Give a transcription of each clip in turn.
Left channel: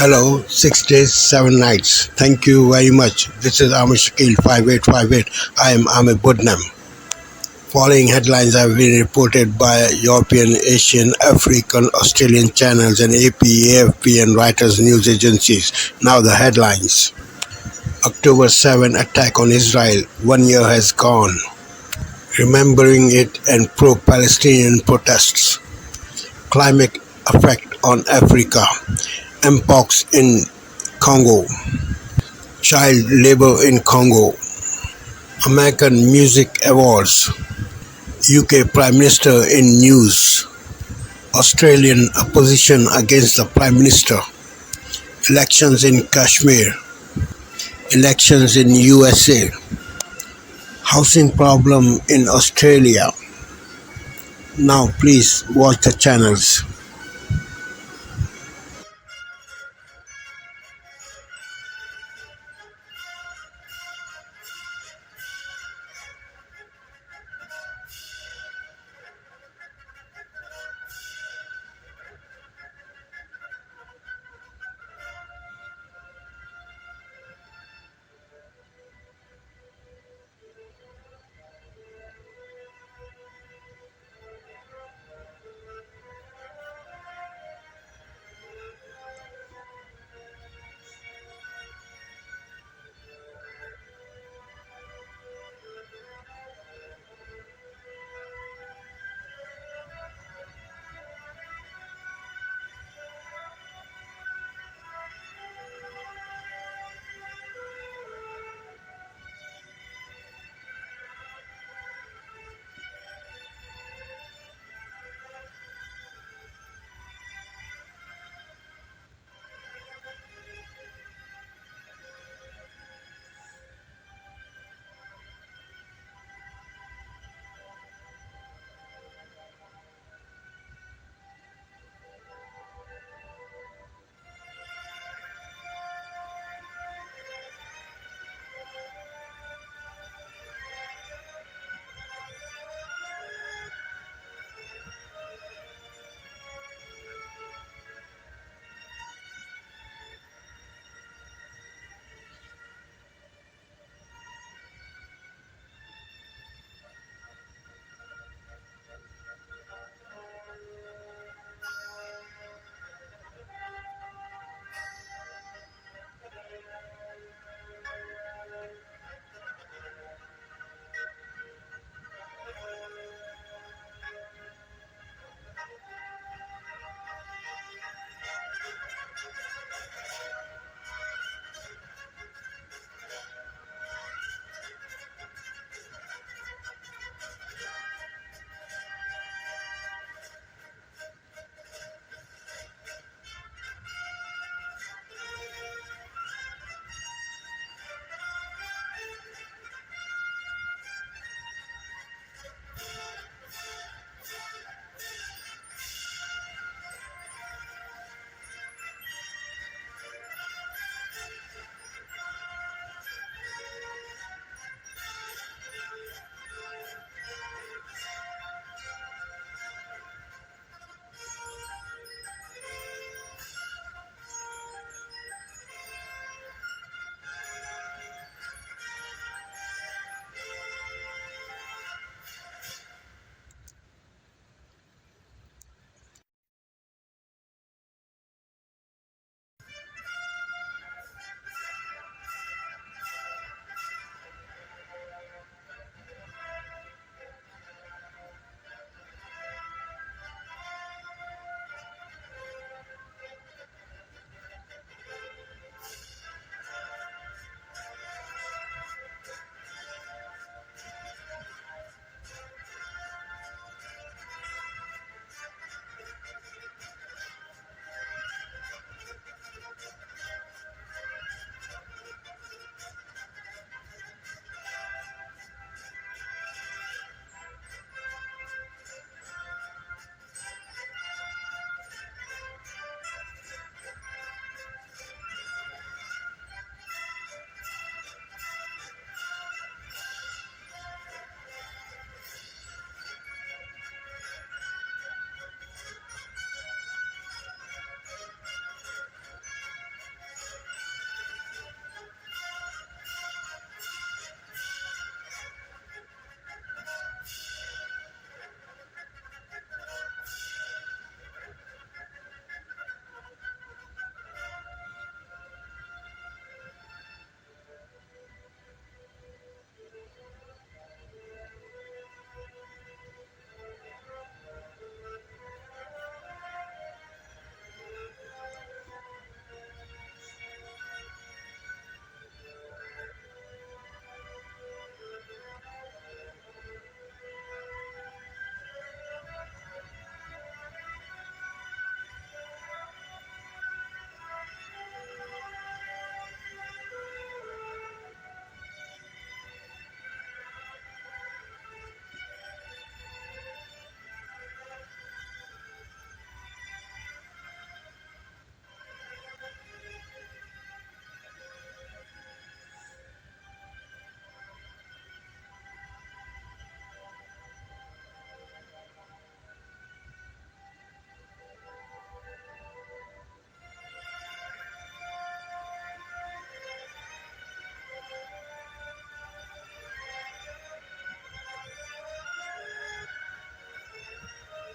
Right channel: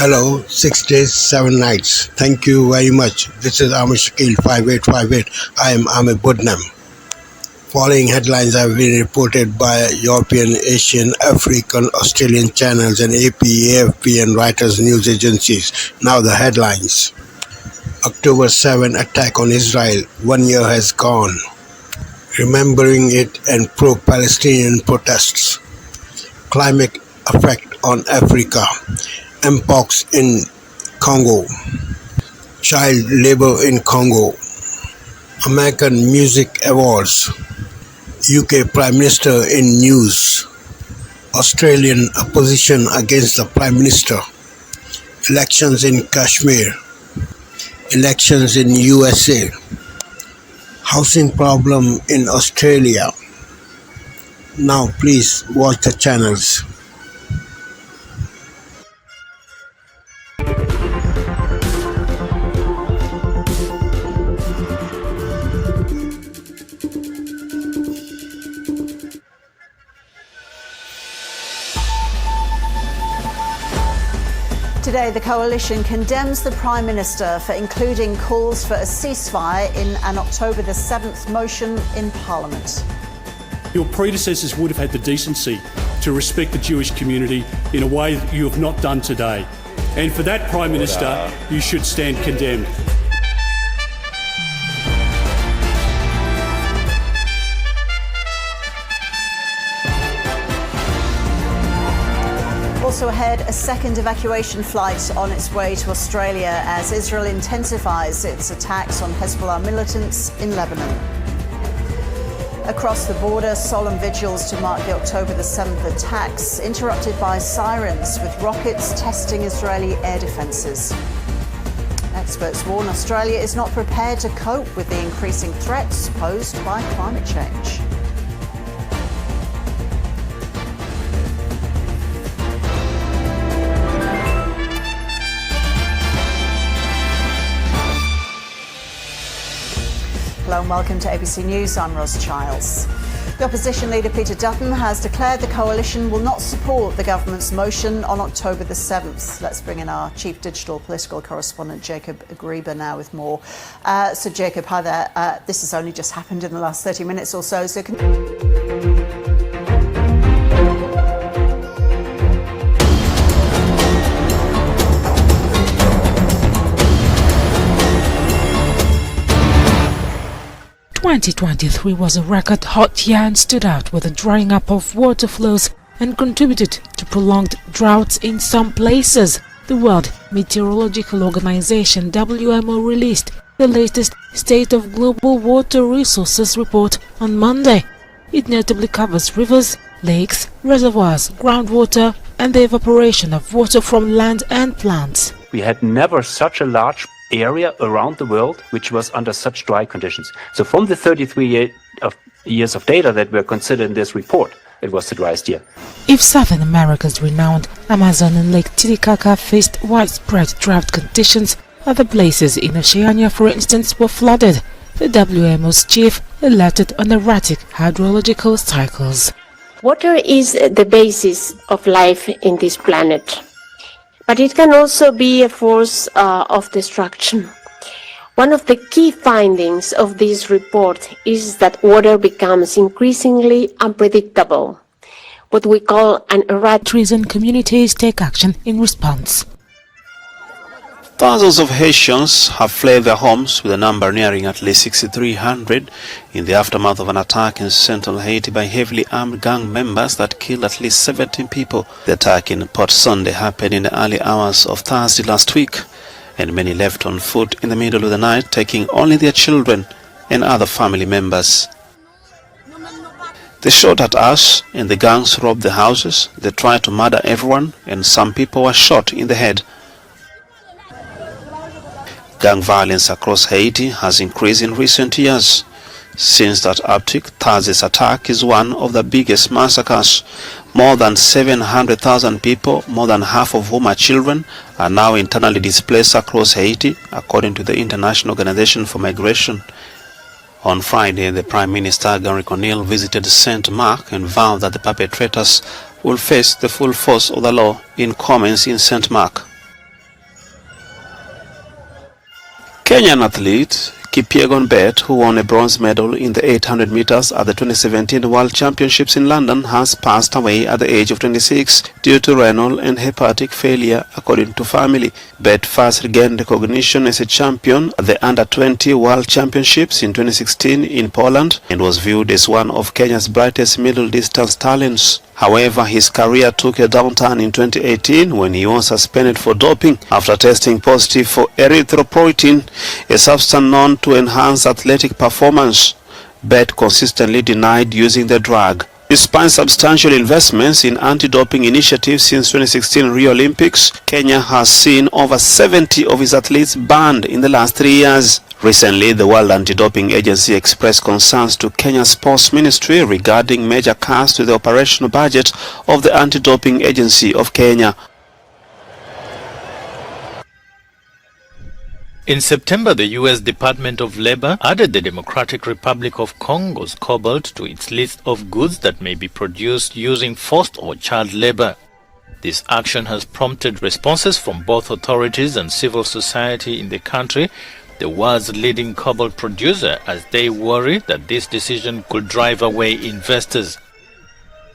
Hello, 6 days, 7 nights. Thank you very much. This is Amish Shakil 5858. I am Amit Budnam. Following headlines have been reported by European, Asian, African, Australian channels and AP, AFP and Reuters news agencies. Now the headlines. October 7 attack on Israel. 1 year has gone. Remembering it and pro-Palestinian protests. Climate effect on Africa. Mpox in Congo. Child labor in Congo. American Music Awards. UK Prime Minister in news. Australian opposition against the Prime Minister. Elections in Kashmir. Elections in USA. Housing problem in Australia. Now please watch the channels. Today, the coalition condemns the Prime Minister for including calls for a ceasefire in an October the 7th motion in Parliament. Your predecessors would have had the decency to respect the Jewish community in a way that you have not done today. And for that, Prime Minister, you should stand condemned. Also ahead, a second evacuation flight on its way to Australia as Israel intensifies its attacks on Hezbollah militants in Lebanon. Across the border, solemn vigils to mark the October the 7th attacks, interrupted by sirens with rockets testing Israeli air defences. Experts warn Australia is not prepared to cope with the increasing threats posed by climate change. Hello and welcome to ABC News. I'm Ros Childs. The opposition leader Peter Dutton has declared the coalition will not support the government's motion on October the 7th. Let's bring in our chief digital political correspondent Jacob Agriba now with more. So Jacob, hi there. This has only just happened in the last 30 minutes or so. So can 2023 was a record hot year and stood out with the drying up of water flows and contributed to prolonged droughts in some places. The World Meteorological Organization (WMO) released the latest State of Global Water Resources report on Monday. It notably covers rivers, lakes, reservoirs, groundwater and the evaporation of water from land and plants. We had never such a large area around the world which was under such dry conditions. So from the 33 years of data that were considered in this report, it was the driest year. If South America's renowned Amazon and Lake Titicaca faced widespread drought conditions, other places in Oceania, for instance, were flooded. The WMO's chief alerted on erratic hydrological cycles. Water is the basis of life in this planet, but it can also be a force of destruction. One of the key findings of this report is that water becomes increasingly unpredictable, what we call an erratic. Trees and communities take action in response. Thousands of Haitians have fled their homes, with a number nearing at least 6,300 in the aftermath of an attack in central Haiti by heavily armed gang members that killed at least 17 people. The attack in Port Sunday happened in the early hours of Thursday last week, and many left on foot in the middle of the night, taking only their children and other family members. They shot at us, and the gangs robbed the houses. They tried to murder everyone, and some people were shot in the head. Gang violence across Haiti has increased in recent years. Since that uptick, Thursday's attack is one of the biggest massacres. More than 700,000 people, more than half of whom are children, are now internally displaced across Haiti, according to the International Organization for Migration. On Friday, the Prime Minister, Gary Conille, visited St. Mark and vowed that the perpetrators will face the full force of the law in comments in St. Mark. Kenyan athlete Kipyegon Bet, who won a bronze medal in the 800 meters at the 2017 World Championships in London, has passed away at the age of 26 due to renal and hepatic failure, according to family. Bet first regained recognition as a champion at the Under-20 World Championships in 2016 in Poland and was viewed as one of Kenya's brightest middle-distance talents. However, his career took a downturn in 2018 when he was suspended for doping after testing positive for erythropoietin, a substance known to enhance athletic performance. Bet consistently denied using the drug. Despite substantial investments in anti-doping initiatives since 2016 Rio Olympics, Kenya has seen over 70 of its athletes banned in the last 3 years. Recently, the World Anti-Doping Agency expressed concerns to Kenya's Sports Ministry regarding major cuts to the operational budget of the Anti-Doping Agency of Kenya. In September, the U.S. Department of Labor added the Democratic Republic of Congo's cobalt to its list of goods that may be produced using forced or child labor. This action has prompted responses from both authorities and civil society in the country, the world's leading cobalt producer, as they worry that this decision could drive away investors.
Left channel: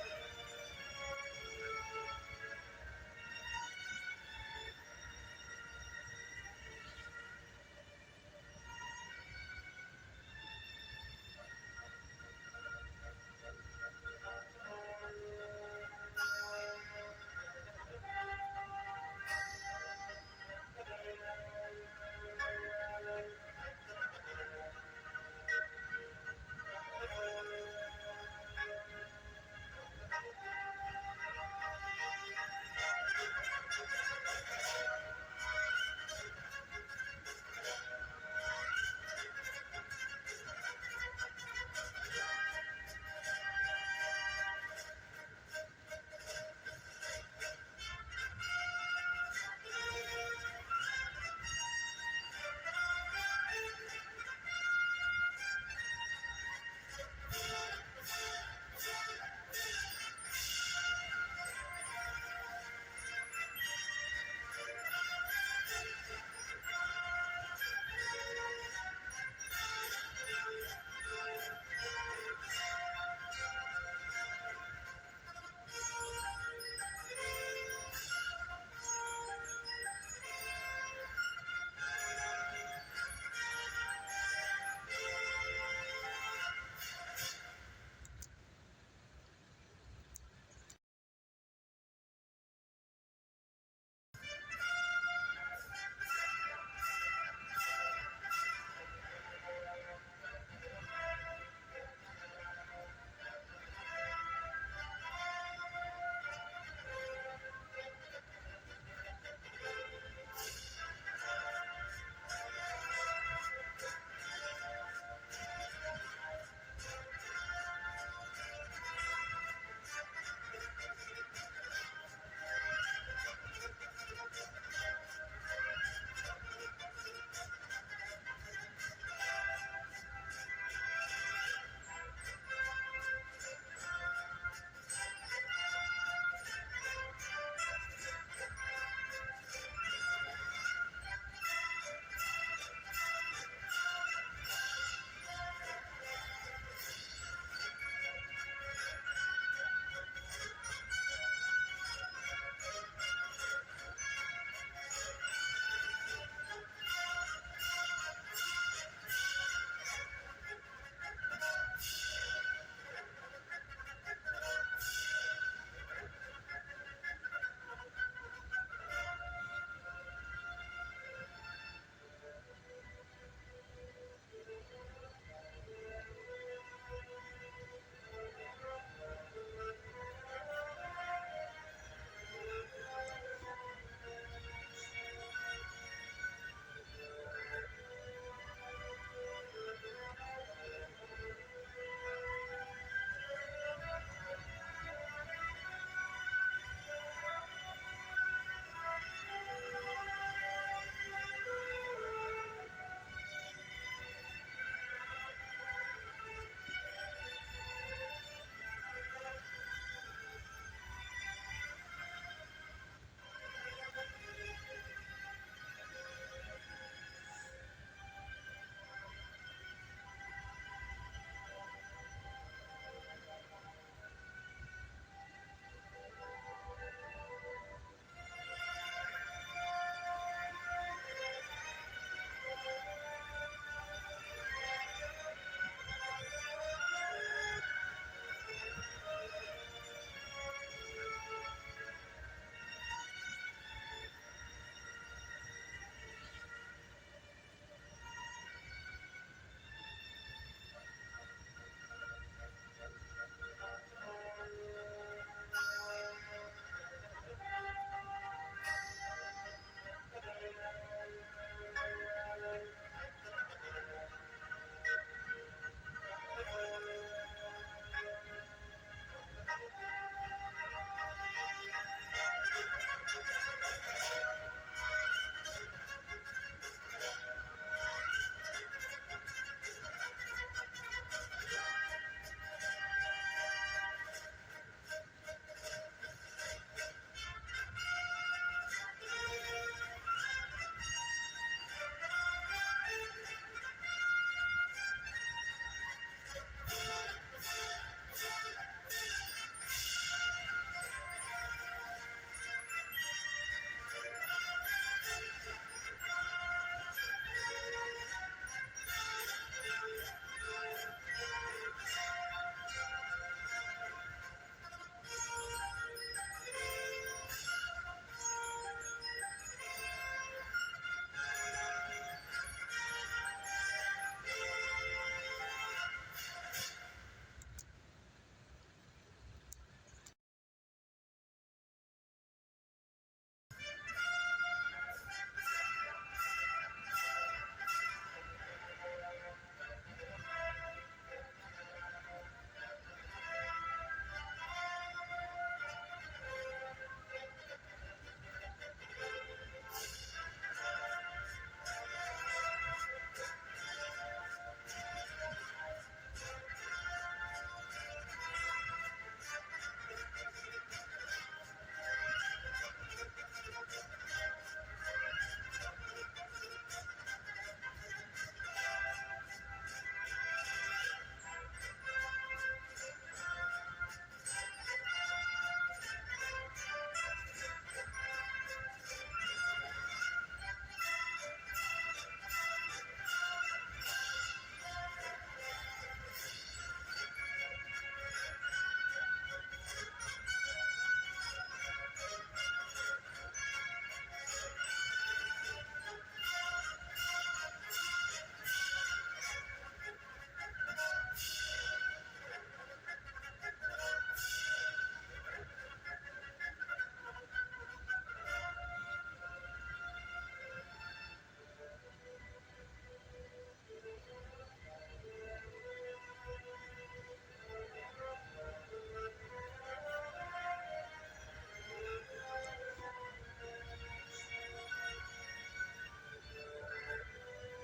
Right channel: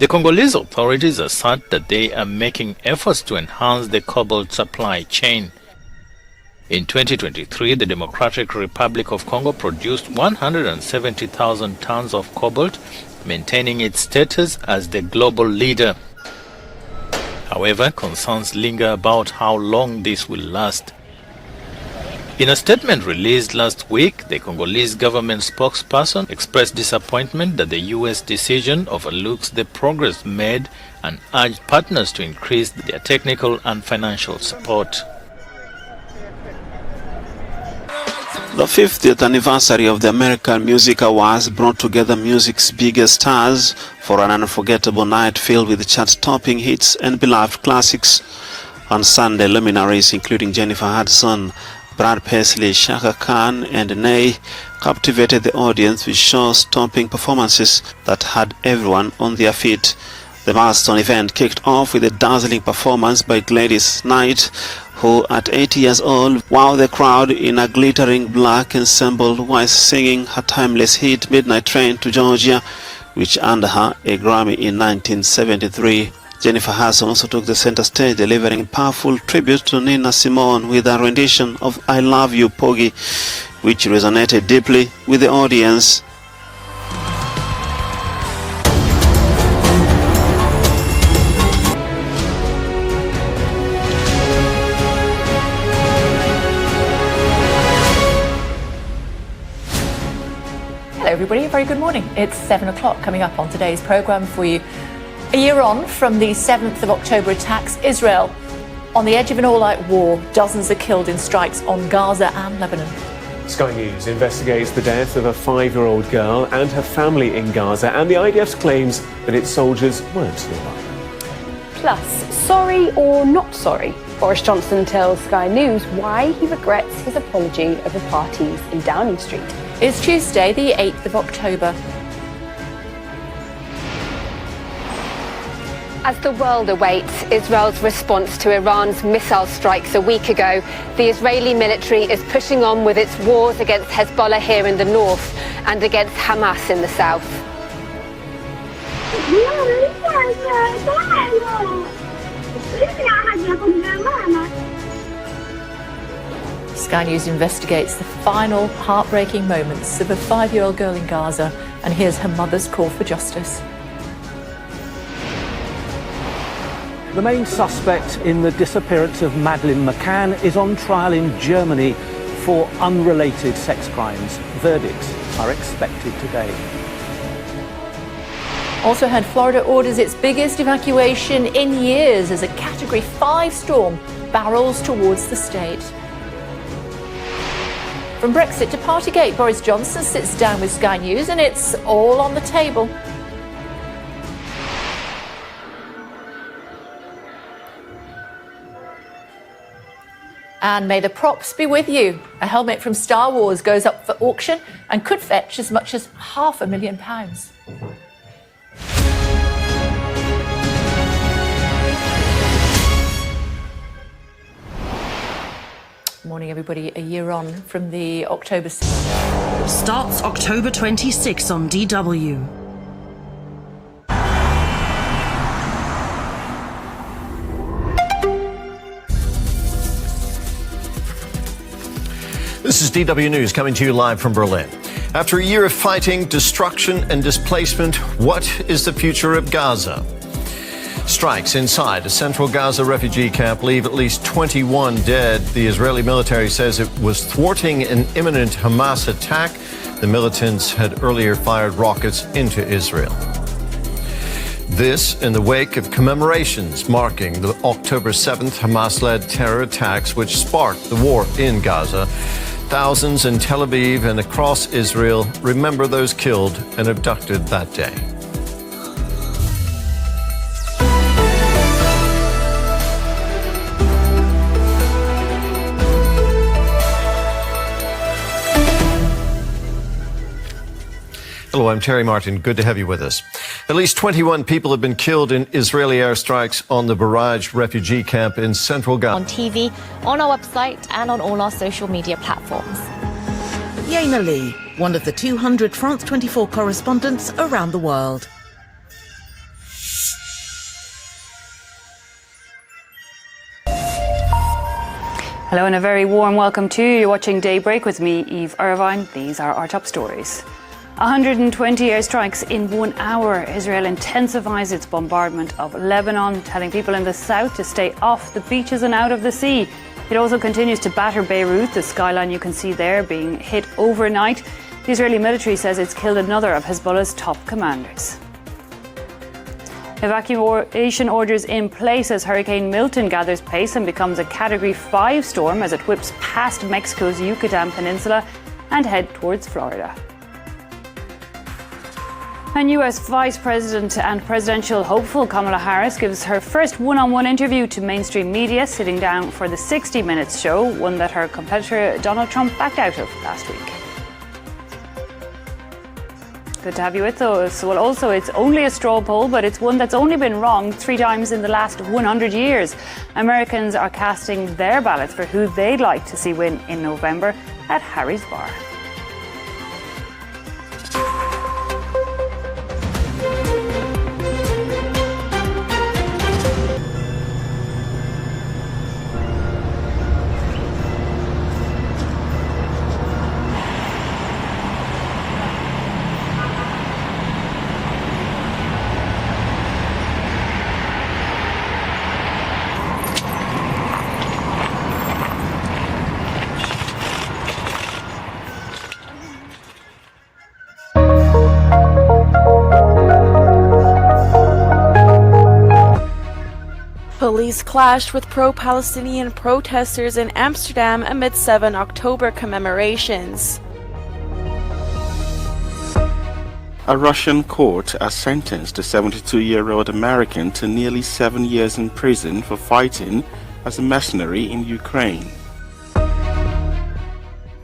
The Congolese authorities assert that they are making efforts to enhance the cobalt supply chain. In 2023, the Democratic Republic of Congo produced 170,000 tons of cobalt, maintaining its status as the global leader. However, concerns linger about how long this will last. In a statement released last week, the Congolese government spokesperson expressed disappointment that the U.S. decision overlooks the progress made and urged partners to increase their technical and financial support. The 50th anniversary of the American Music Awards brought together music's biggest stars for an unforgettable night filled with chart-topping hits and beloved classics. On Sunday, luminaries including Jennifer Hudson, Brad Paisley, Shaka Khan and Ney captivated the audience with show-stopping performances that had everyone on their feet. The milestone event kicked off with a dazzling performance by Gladys Knight, who at 80 years old wowed the crowd in a glittering black ensemble while singing her timeless hit Midnight Train to Georgia, which earned her a Grammy in 1973. Jennifer Hudson also took the center stage, delivering powerful tribute to Nina Simone with a rendition of I Love You, Poggy, which resonated deeply with the audience. Hello everybody, a very good morning. It's 7 o'clock. Coming up on today's programme for you. A year on from the 7th of October attacks, Israel on the edge of an all-out war. Dozens are killed in strikes on Gaza and Lebanon. Sky News investigates the death of a 5-year-old girl and her family in Gaza and the IDF's claims that its soldiers weren't nearby. Plus, sorry or not sorry? Boris Johnson tells Sky News why he regrets his apology over parties in Downing Street. It's Tuesday, the 8th of October. As the world awaits Israel's response to Iran's missile strikes a week ago, the Israeli military is pushing on with its wars against Hezbollah here in the north and against Hamas in the south. Sky News investigates the final heartbreaking moments of a 5-year-old girl in Gaza and hears her mother's call for justice. The main suspect in the disappearance of Madeleine McCann is on trial in Germany for unrelated sex crimes. Verdicts are expected today. Also heard Florida orders its biggest evacuation in years as a Category 5 storm barrels towards the state. From Brexit to Partygate, Boris Johnson sits down with Sky News and it's all on the table. And may the props be with you. A helmet from Star Wars goes up for auction and could fetch as much as £500,000. Morning, everybody. everybody. A year on from the October... Starts October 26 on DW. This is DW News coming to you live from Berlin. After a year of fighting, destruction and displacement, what is the future of Gaza? Strikes inside a central Gaza refugee camp leave at least 21 dead. The Israeli military says it was thwarting an imminent Hamas attack. The militants had earlier fired rockets into Israel. This in the wake of commemorations marking the October 7th Hamas-led terror attacks which sparked the war in Gaza. Thousands in Tel Aviv and across Israel remember those killed and abducted that day. Hello, I'm Terry Martin. Good to have you with us. At least 21 people have been killed in Israeli airstrikes on the barraged refugee camp in central Gaza. On TV, on our website and on all our social media platforms. Yana Lee, one of the 200 France 24 correspondents around the world. Hello and a very warm welcome to you. You're watching Daybreak with me, Eve Irvine. These are our top stories. 120 airstrikes in 1 hour. Israel intensifies its bombardment of Lebanon, telling people in the south to stay off the beaches and out of the sea. It also continues to batter Beirut, the skyline you can see there being hit overnight. The Israeli military says it's killed another of Hezbollah's top commanders. Evacuation orders in place as Hurricane Milton gathers pace and becomes a Category 5 storm as it whips past Mexico's Yucatan Peninsula and head towards Florida. And US Vice President and presidential hopeful Kamala Harris gives her first one-on-one interview to mainstream media, sitting down for the 60 Minutes show, one that her competitor Donald Trump backed out of last week. Good to have you with us. Well, also, it's only a straw poll, but it's one that's only been wrong 3 times in the last 100 years. Americans are casting their ballots for who they'd like to see win in November at Harry's Bar. Police clashed with pro-Palestinian protesters in Amsterdam amid 7 October commemorations. A Russian court has sentenced a 72-year-old American to nearly 7 years in prison for fighting as a mercenary in Ukraine.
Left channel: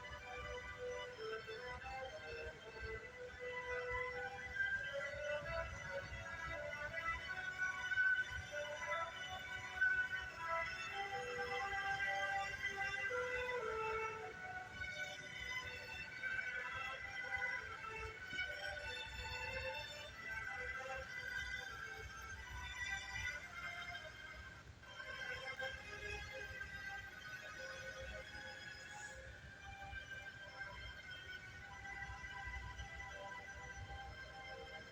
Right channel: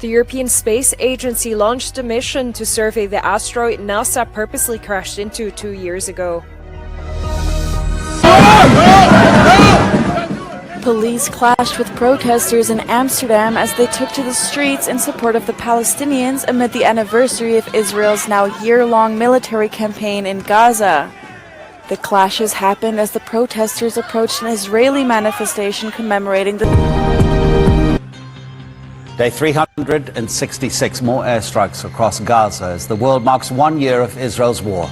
The European Space Agency launched a mission to survey the asteroid NASA purposely crashed into 2 years ago. Police clashed with protesters in Amsterdam as they took to the streets in support of the Palestinians amid the anniversary of Israel's now year-long military campaign in Gaza. The clashes happened as the protesters approached an Israeli manifestation commemorating the... Day 366 more airstrikes across Gaza as the world marks 1 year of Israel's war.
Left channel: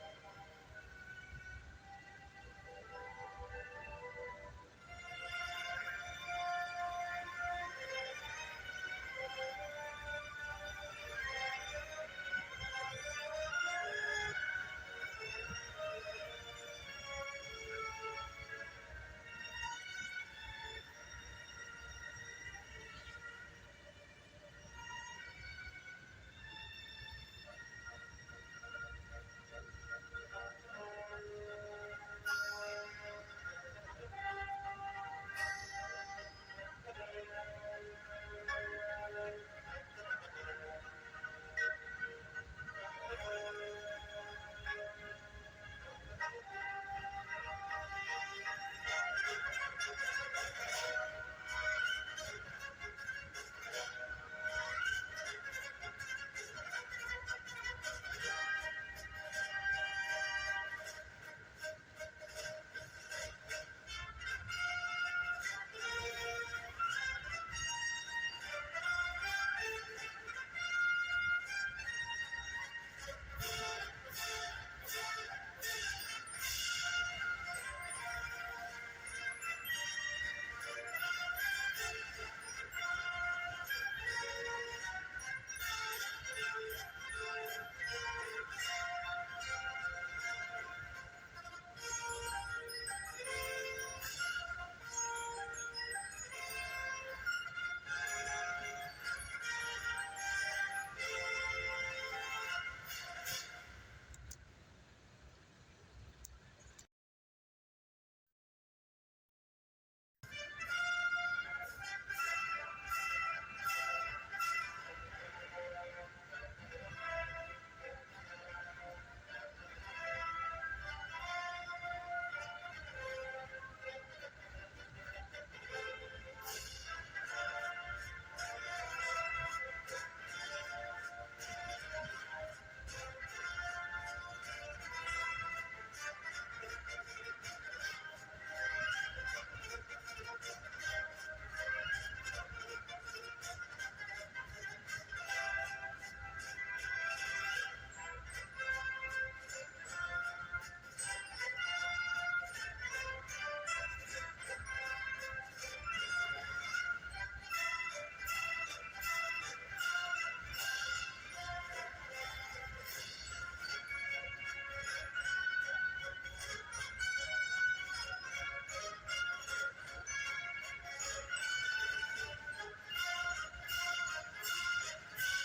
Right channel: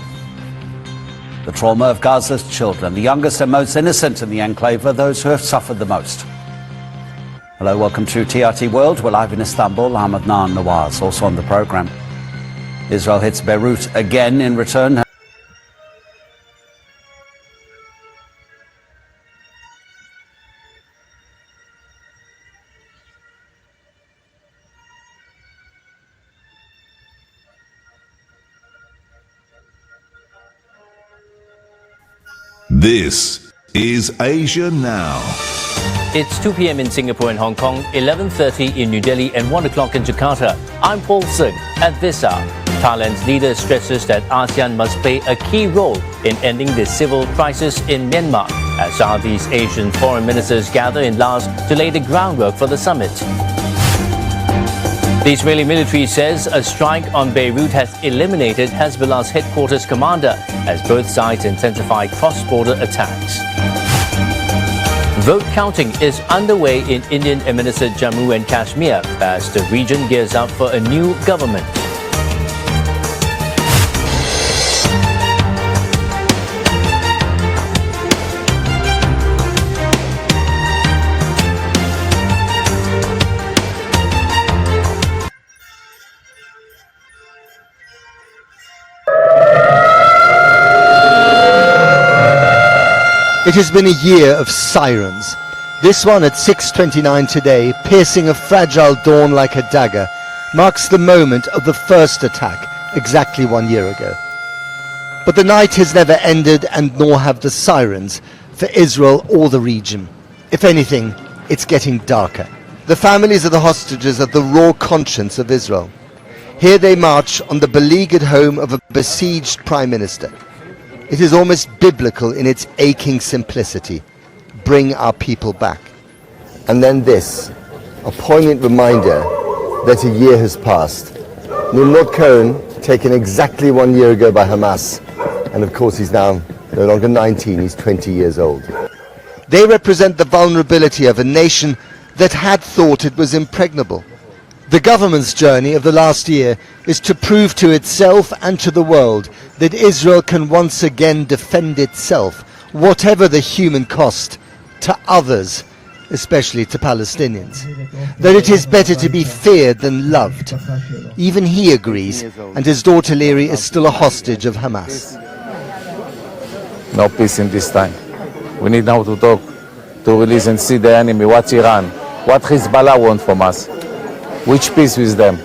The trauma of Gaza's children, the youngest and most innocent in the enclave, are those who have suffered the most. Hello, welcome to TRT World. We're live in Istanbul. Ahmed Nawaz also on the program. Israel hits Beirut again in return. This is Asia Now. It's 2 p.m. in Singapore and Hong Kong, 11:30 in New Delhi and 1 o'clock in Jakarta. I'm Paul Singh. At this hour, Thailand's leader stresses that ASEAN must play a key role in ending the civil crisis in Myanmar as Southeast Asian foreign ministers gather in Laos to lay the groundwork for the summit. The Israeli military says a strike on Beirut has eliminated Hezbollah's headquarters commander as both sides intensify cross-border attacks. Vote counting is underway in Indian-administered Jammu and Kashmir as the region gears up for a new government. It has been a year of sirens. This one at 6:29 today, piercing a fragile dawn like a dagger, marks the moment of the first attack exactly 1 year ago. But the night has never ended, and nor have the sirens for Israel or the region. If anything, it's getting darker. The families of the hostages are the raw conscience of Israel. Here they march on the beleaguered home of a besieged prime minister. It is almost biblical in its aching simplicity. Bring our people back. And then this, a poignant reminder that a year has passed. Nimrod Cohen, taken exactly 1 year ago by Hamas, and of course he's now no longer 19, he's 20 years old. They represent the vulnerability of a nation that had thought it was impregnable. The government's journey of the last year is to prove to itself and to the world that Israel can once again defend itself, whatever the human cost, to others, especially to Palestinians. That it is better to be feared than loved. Even he agrees, and his daughter Liri is still a hostage of Hamas. No peace in this time. We need now to talk, to release and see the enemy. What's Iran? What Hezbollah want from us? Which peace with them?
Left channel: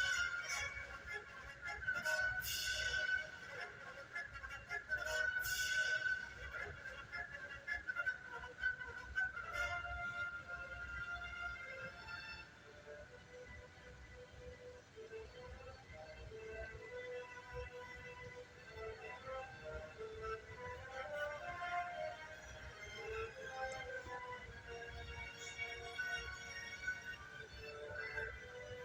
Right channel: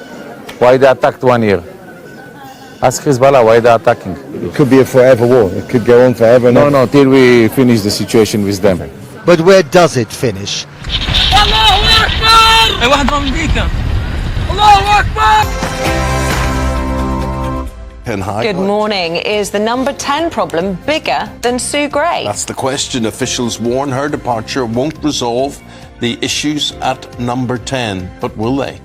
Why they attacked 1 year? Ask Hezbollah why they're attacking. It could be a forever war. It could go on forever. No, till we finish the situation with them. But where does it finish? Good morning. Is the number 10 problem bigger than Sue Gray? That's the question. Officials warn her departure won't resolve the issues at number 10, but will they?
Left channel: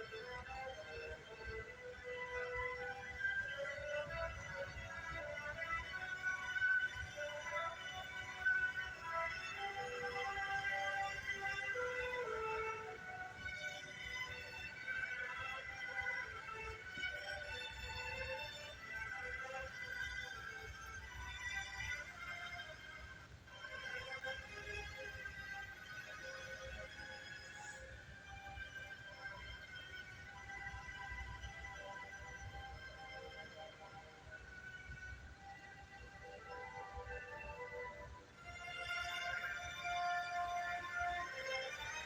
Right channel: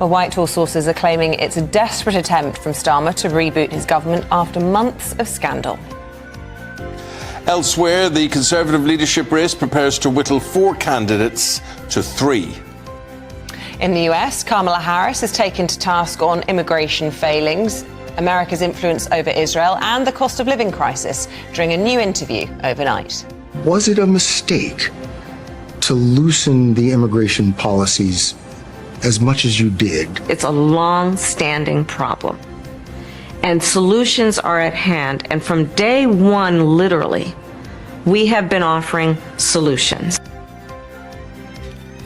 Well, Whitehall sources are claiming it's a desperate attempt from Starmer to reboot his government after months of scandal. Elsewhere, the Conservative leadership race prepares to whittle 4 candidates to 3. In the US, Kamala Harris is taken to task on immigration failings, America's influence over Israel, and the cost of living crisis during a new interview overnight. Was it a mistake to loosen the immigration policies as much as you did? It's a long-standing problem, and solutions are at hand. And from day one, literally, we have been offering solutions.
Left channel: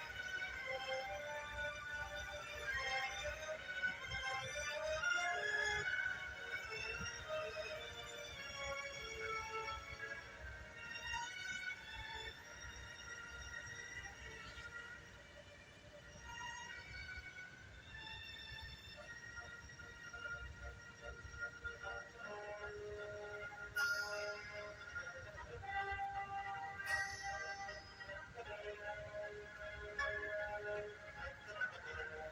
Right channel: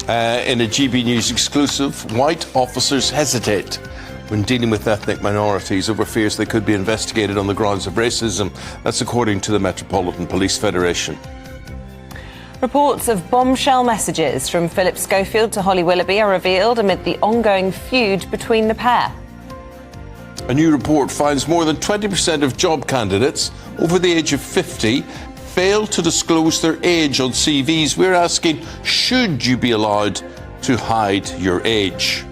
In a GB News exclusive, white officers hesitate when dealing with ethnic minorities over fears they could be investigated on the grounds of racism. That's according to the Metropolitan Police Federation. Reports of bombshell messages from Philip Schofield to Holly Willoughby are revealed amid the ongoing feud between the pair. A new report finds more than 20% of job candidates over the age of 50 fail to disclose their age on CVs. We're asking, should you be allowed to hide your age?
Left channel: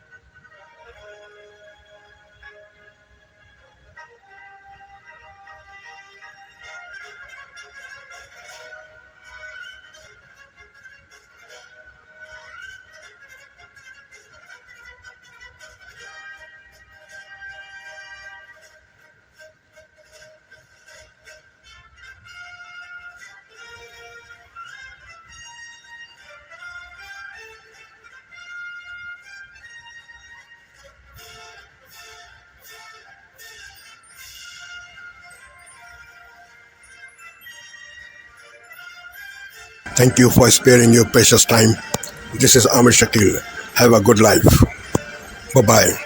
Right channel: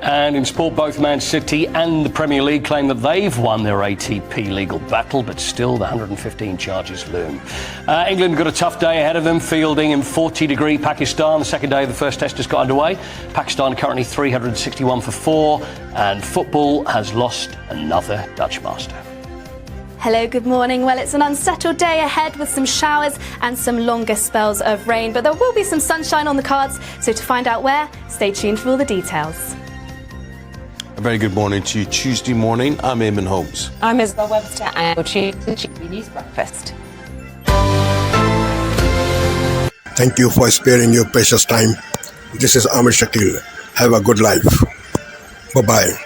And in sport, both Man City and the Premier League claim that they've won their ATP legal battle, but still the 115 charges loom. England got a tough day ahead of them, fielding in 40-degree Pakistan. The second day of the first test just got underway. Pakistan currently 361 for 4, and football has lost another Dutch master. Hello, good morning. Well, it's an unsettled day ahead with some showers and some longer spells of rain, but there will be some sunshine on the cards. So to find out where, stay tuned for all the details. A very good morning to you. Tuesday morning, I'm Eamon Holmes. I'm Isabel Webster, and you're tuned to the GB News Breakfast. Thank you for sparing your precious time. This is Amir Shakil. Have a good life. Bye-bye.